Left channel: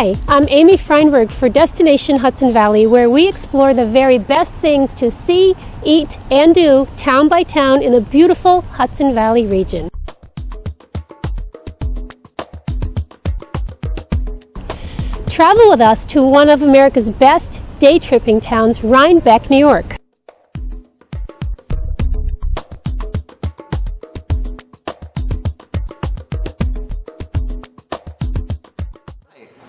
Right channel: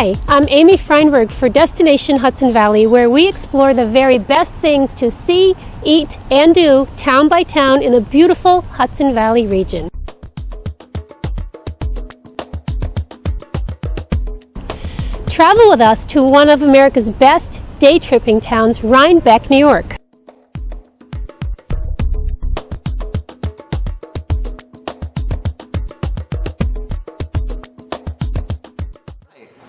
Hi, I'm Amy Freinberg for Destination Hudson Valley, where we explore the very best things to see, eat, and do town by town in the beautiful Hudson Valley region. Travel with us to one of America's best day tripping towns, Freinberg, New York.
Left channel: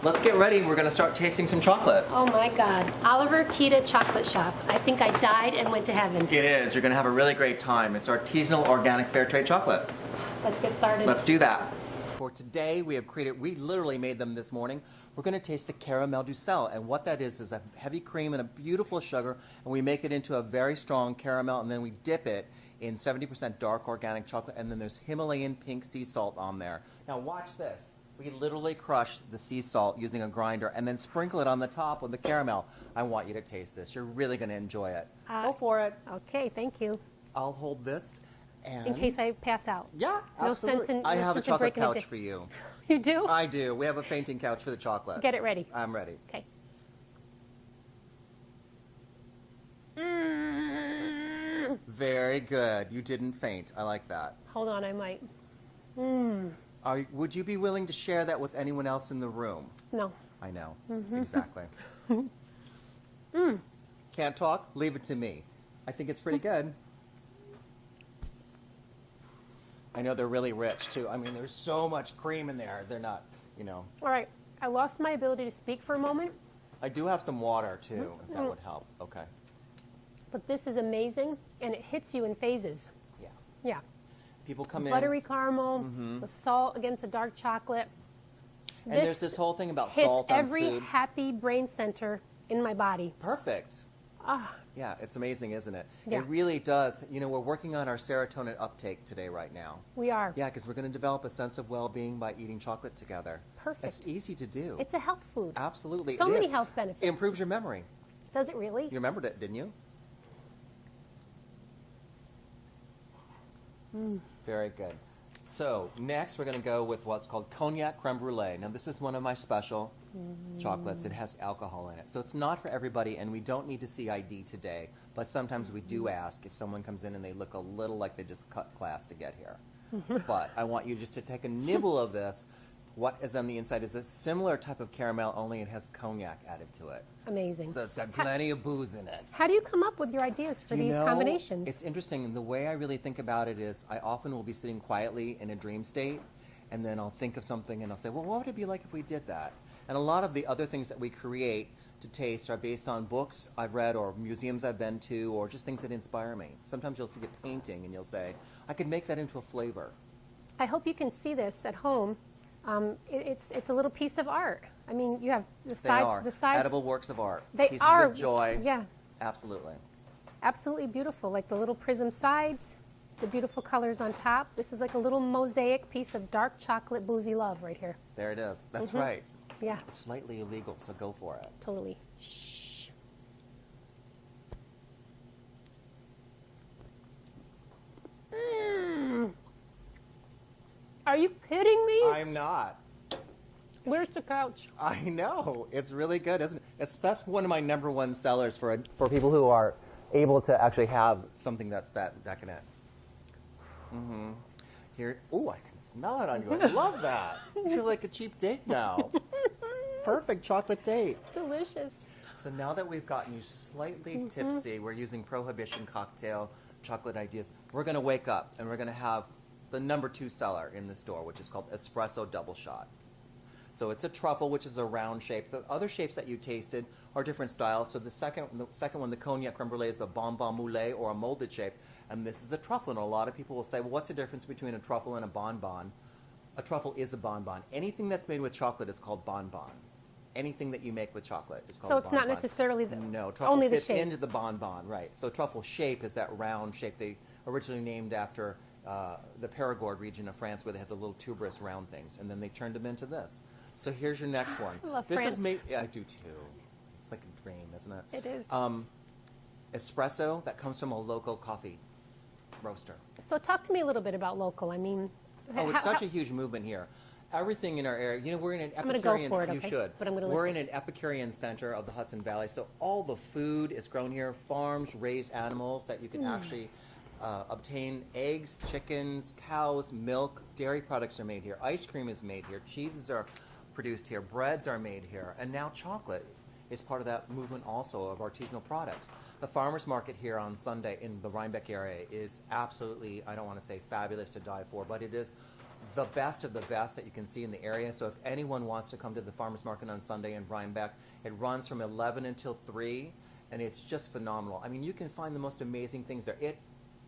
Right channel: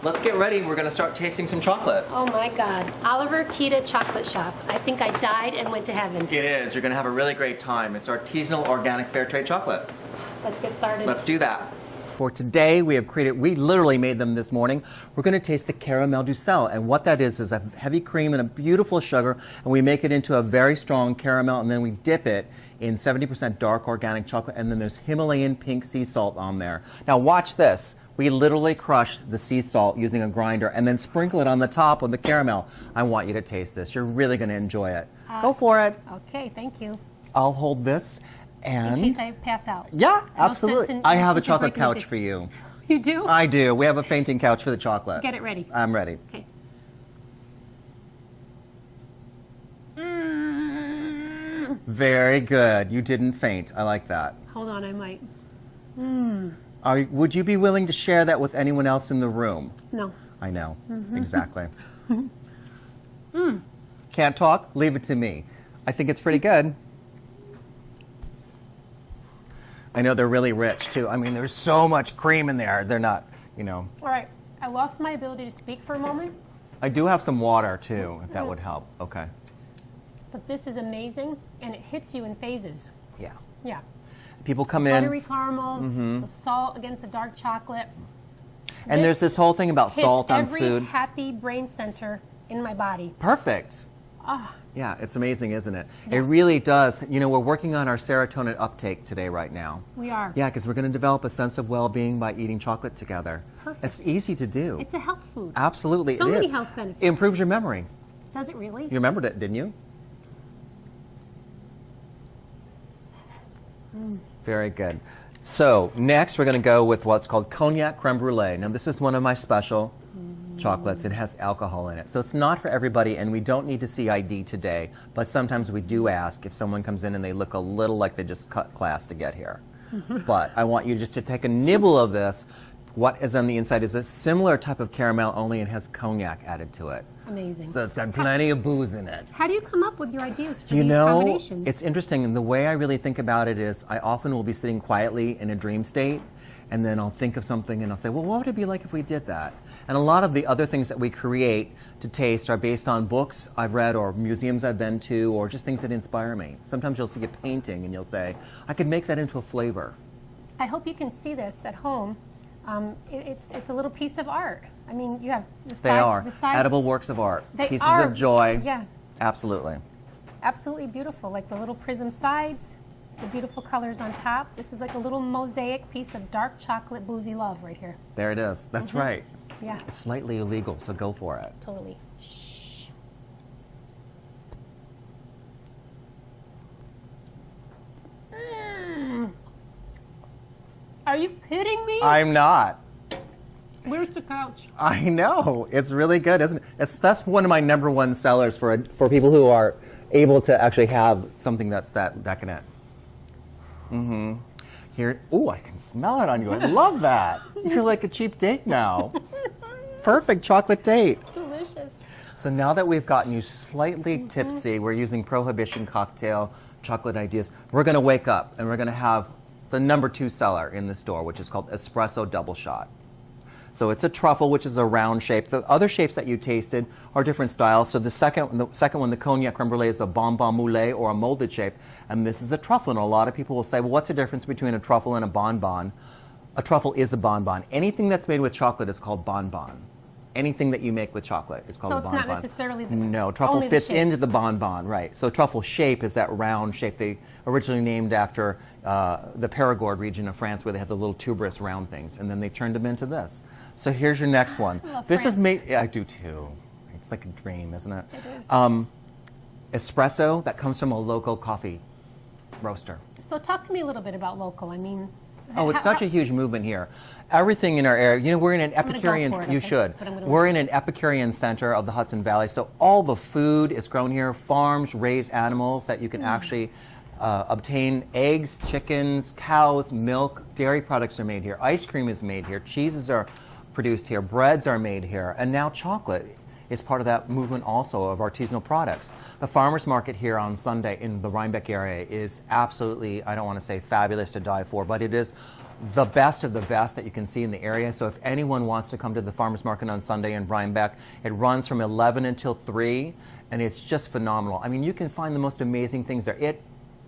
Let's get ready. We're going to start tasting some chocolate. Oh my God. Oliver Kita chocolate shop. I think I died and went to heaven. It is. You're going to have a really great time. It's artisanal, organic, fair trade chocolate. Let's get started. Let's do that. For today, we literally made them this morning. We're going to taste the caramel du sel. And what that is a heavy cream and a beautiful sugar. And we make it into a very strong caramel. And then we dip it in 70% dark organic chocolate. And then there's Himalayan pink sea salt on there. Now watch this. We literally crush the sea salt using a grinder and then sprinkle it on the top of the caramel. I want you to taste this. You're really going to enjoy it. Go for it. Okay, thank you. I'll hold this. And in case I pass out. Yeah, absolutely. I have a chocolate couch for you. You do? I do. We have a fainting couch for the chocolate. Get it ready. I'm ready. Okay. Very good. You didn't faint. I like that. Hold on, I might. Would you be willing to share that with anyone else in the room? No. I know. Exactly. Can't talk? Leave it to me. I think it's pretty good. I know they're really rich too. I mean, there's so much cream in there. They're not, you know. All right. I lost my ability to speak for a moment. I do have some water too, if that would help. Okay. But this is amazing, and it hits you in phases. Yeah. Yeah. People come in. Buttery caramel, the salt against the dark chocolate. And there's this whole thing about salt on food. Every happy brain center in my body. Perfect. Yeah, it's amazing, isn't it? Yeah. It really does. You know, we're working on our serotonin uptake today right now. We are. Yeah, because we're going to develop a sense of well-being by eating chocolate together. Perfect. It's easy to do. It's a health food. Absolutely. So it many is. health benefits. It improves your memory. Does it really? You remembered it, didn't you? Very good. So next we're going to go with what's called cognac creme brulee. Now this is one of my special chocolates. It has alcohol in it. So it's not for everybody, and we don't need to see ID today, but sometimes we do ask if someone comes in and they look a little like they just cut class to get here. But I want you just to take a nibble of this. What is on the inside is a similar type of caramel, only it has cognac added to it. Amazing. So it's got plenty of booze in it. How do you come up with your ideas for these combinations? It's interesting, and the way I really think about it is I often will be sitting quietly in a dream state, and then I'll think of something and I'll say, well, what would it be like if we did that? And a lot of the other things that we create to taste are based on books I've read or museums I've been to or just things that inspire me. Sometimes you'll see a painting and you'll say, I could make that into a flavor. I hope you can see this at home. It's a little piece of art. I mean, you have the sides. They are the sides, edible works of art. They Pieces are, of joy. Yeah. Absolutely. Absolutely beautiful, like the little prism sides, the beautiful colors on top. This is like a little mosaic piece of dark chocolate boozy love right here. There it is. That's right. Yeah. It's slightly illegal, so go for it. Totally. Shh. Are you kidding me? I'm not. Where's the couch? I know. It's really good, isn't it? That's one of my #1 sellers for people who are able to actually have something that's that decadent. Here, ooh, I can smell it on you. I love that. You're like a cheap date now. Perfect chocolate date. Delicious. So now that we've gotten you slightly tipsy, we're using Prohibition cocktail chocolate ideas. We're going to wake up and we're going to have the #2 seller in the store, which is called Espresso Double Shot. So it's a truffle, which is a round shape. The other shapes that you tasted are different styles. So the second one, the cognac creme brulee, is a bonbon moule or a molded shape, and this is a truffle. And a lot of people will say, well, what's the difference between a truffle and a bonbon? A truffle is a bonbon. Anything that's made with chocolate is called bonbon. Anything that you make with chocolate is called a bonbon. So it's not necessarily the No, truffle only fits the shape. into the bonbon, right. So truffle shape is that round shape. They originally named after the Périgord region of France, where they had the little tuberous round things, and then they turned them into this. So here's your next one. I love this France. is made, yeah, I do too. It's like a dream, isn't it? It is. Espresso that comes from a local coffee roaster. So talk to me a little bit about local. I mean, Oh, it's such a huge movement here. everything in our area. You know, we're in an gonna go Epicurean. for it, You okay? should. But I'm gonna We're listen. in an Epicurean center of the Hudson Valley, so all the food is grown here. Farms raise animals that you can actually obtain eggs, chickens, cows, milk. Dairy products are made here. Ice cream is made here. Cheeses are produced here. Breads are made here, and now chocolate is part of that movement also of artisanal products. The farmers market here on Sunday in the Rhinebeck area is absolutely, I don't want to say fabulous to die for, but it is the best of the best that you can see in the area. So if anyone wants to come to the farmers market on Sunday in Rhinebeck, it runs from 11 until 3, and it's just phenomenal. I mean, you can find the most amazing things there. It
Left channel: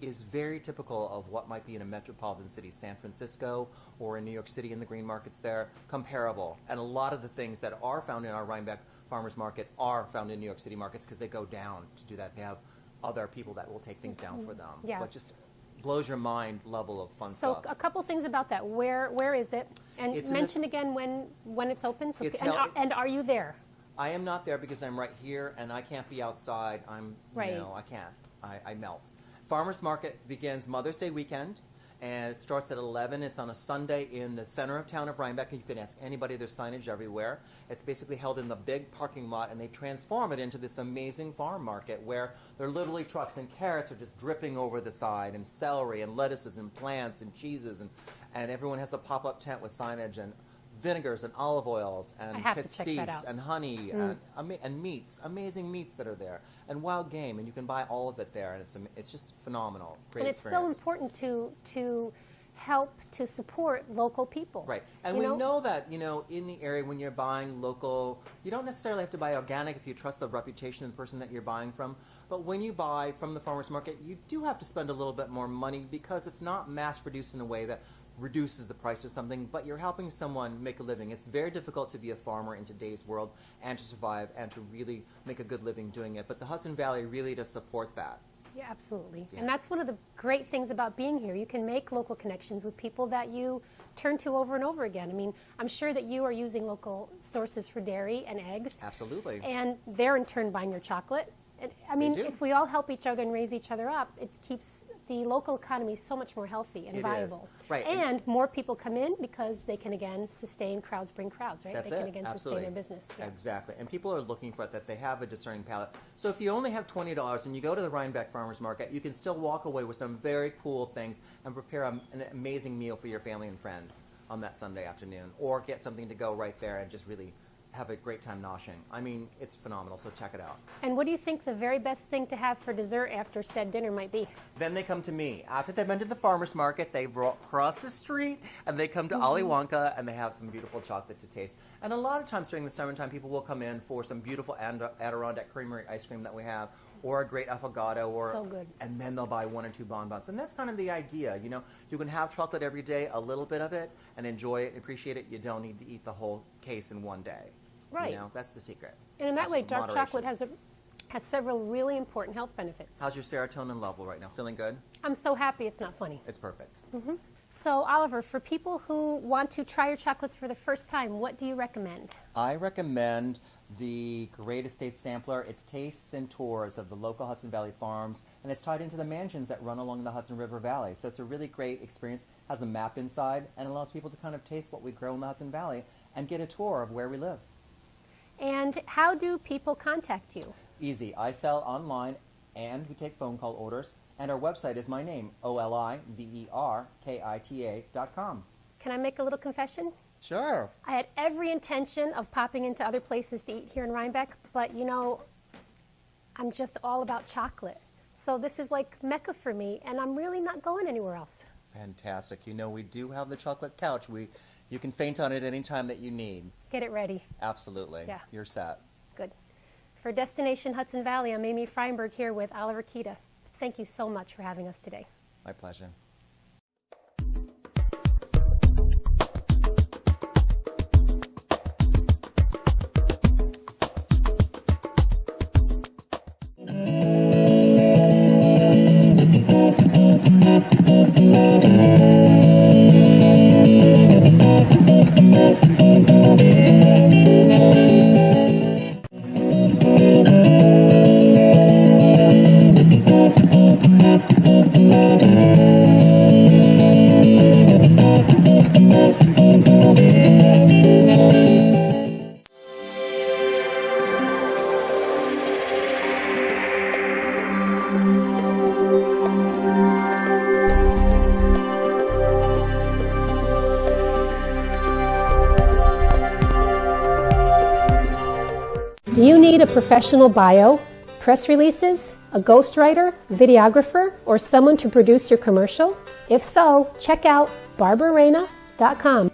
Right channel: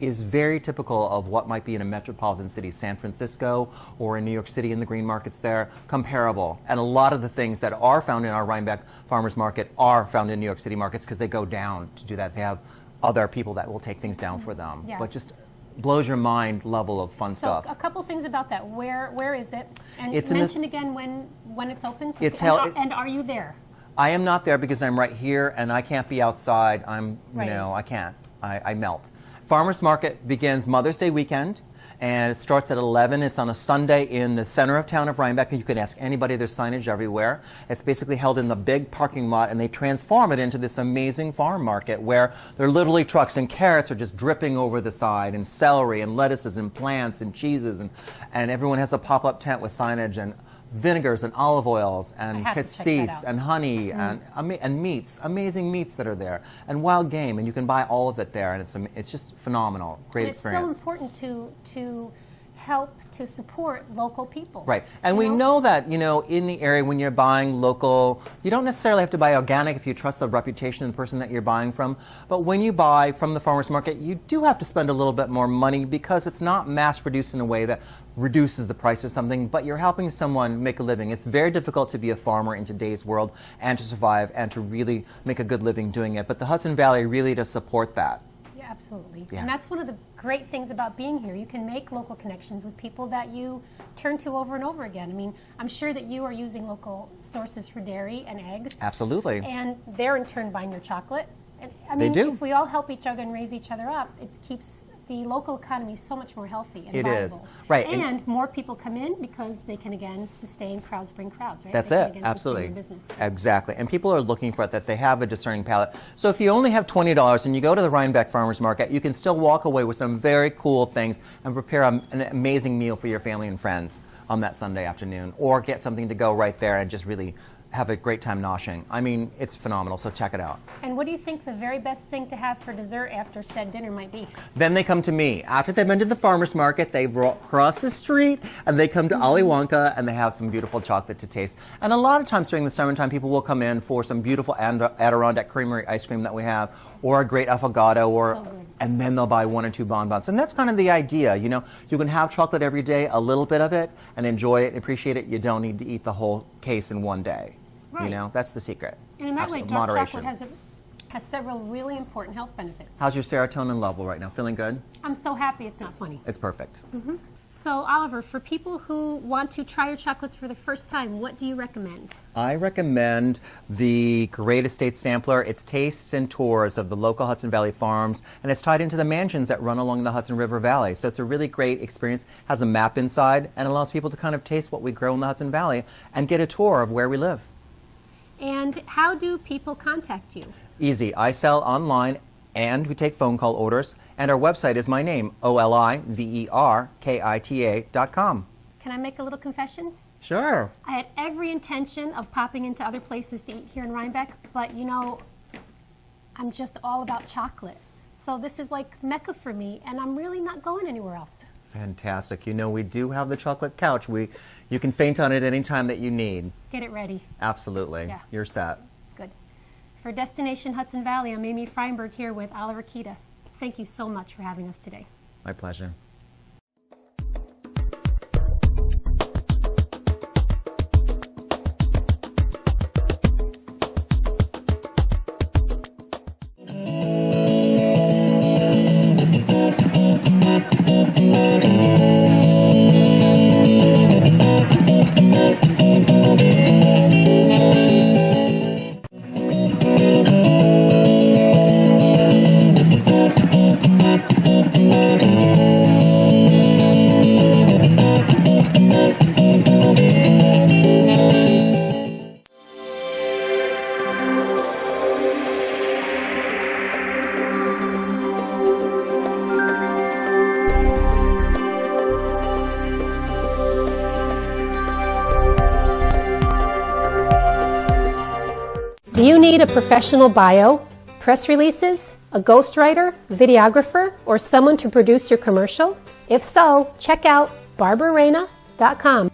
is very typical of what might be in a metropolitan city, San Francisco or in New York City in the green markets there, comparable. And a lot of the things that are found in our Rhinebeck farmers market are found in New York City markets because they go down to do that. They have other people that will take things down for them. Yes. But just blows your mind level of fun So stuff. a couple things about that. Where is it? And It's in mention again when it's open. So It's and, held- and are you there? I am not there because I'm right here and I can't be outside. I'm, Right. you know, I can't. I melt. Farmers Market begins Mother's Day weekend, and it starts at 11. It's on a Sunday in the center of town of Rhinebeck, and you can ask anybody. There's signage everywhere. It's basically held in the big parking lot, and they transform it into this amazing farm market where there are literally trucks, and carrots are just dripping over the side, and celery, and lettuces, and plants, and cheeses, and everyone has a pop-up tent with signage, and vinegars and olive oils and have to check that cassis out. and honey and meats, amazing meats that are there, and wild game, and you can buy all of it there, and it's just phenomenal, great And it's so experience. important to help to support local people. Right, and You we know that, you know, in the area when you're buying local, you don't necessarily have to buy organic if you trust the reputation of the person that you're buying from, but when you buy from the farmer's market, you do have to spend a little bit more money because it's not mass produced in a way that reduces the price of something, but you're helping someone make a living. It's very difficult to be a farmer in today's world and to survive and to really make a good living doing it, but the Hudson Valley really does support that. Yeah, absolutely. Yeah. And that's one of the great things about being here. You can make local connections with people that you turn to over and over again. I mean, I'm sure that you are using local sources for dairy and eggs. Absolutely. And they're in turn buying your chocolate. And I mean, do. if we all help each other and raise each other up, it keeps the local economy so much more healthy and It is. viable. Right, And more people come in because they can again sustain crowds bring crowds, right? That's they it, can again absolutely. sustain your business. Exactly, and people are looking for it, that they have a discerning palate. So if you only have $20 and you go to the Rhinebeck Farmers Market, you can still walk away with some very cool things and prepare an amazing meal for your family and friends on that Sunday afternoon, or get something to go right there and just really have a great time noshing. I mean, it's phenomenal, so check it out. And what do you think the very best thing to have for dessert after said dinner might be? Then they come to me. After they've been to the farmer's market, they cross the street and they come to Ali Wonka and they have some beautiful chocolate to taste. And a lot of times during the summertime, people will come in for some beautiful Adirondack Creamery ice cream that we have, or a great affogato, or So good. and then they'll buy 1 or 2 bonbons. And that's kind of the idea, you know. You can have chocolate every day, a little bit of it, and enjoy it and appreciate it. You don't need to eat the whole case in one day. Right. You know, that's the secret. And in that way, dark Moderation. chocolate has several really important health benefits. How's your serotonin level right now? Feeling good? I'm so happy it's not funny. It's perfect. So, Oliver, for people who want to try your chocolates for the first time, what do you recommend? I recommend the Great Estate Sampler. It's tastes and tours of the local Hudson Valley farms, and it's tied into the mansions that run along the Hudson River Valley. So it's a really great experience. Has a map inside and allows people to kind of taste what we grow in the Hudson Valley and get a tour of where we live. And how do people contact you? Easy. I sell online and we take phone call orders. And our website is my name, oliverkita.com. Can I make a little confession? Sure. I had every intention of popping into other places to eat here in Rhinebeck, but you know, I'm just all about chocolate. So this is like Mecca for me, and I'm really not going anywhere else. Fantastic. You know, we do have the chocolate couch. You can faint on it any time that you need. Get it ready. Absolutely. Yeah. You're set. Good. For Destination Hudson Valley, I'm Amy Freinberg here with Oliver Kita. Thank you so much for having us today. My pleasure. Do you need a professional bio, press releases, a ghostwriter, videographer, or someone to produce your commercial? If so, check out barbararena.com.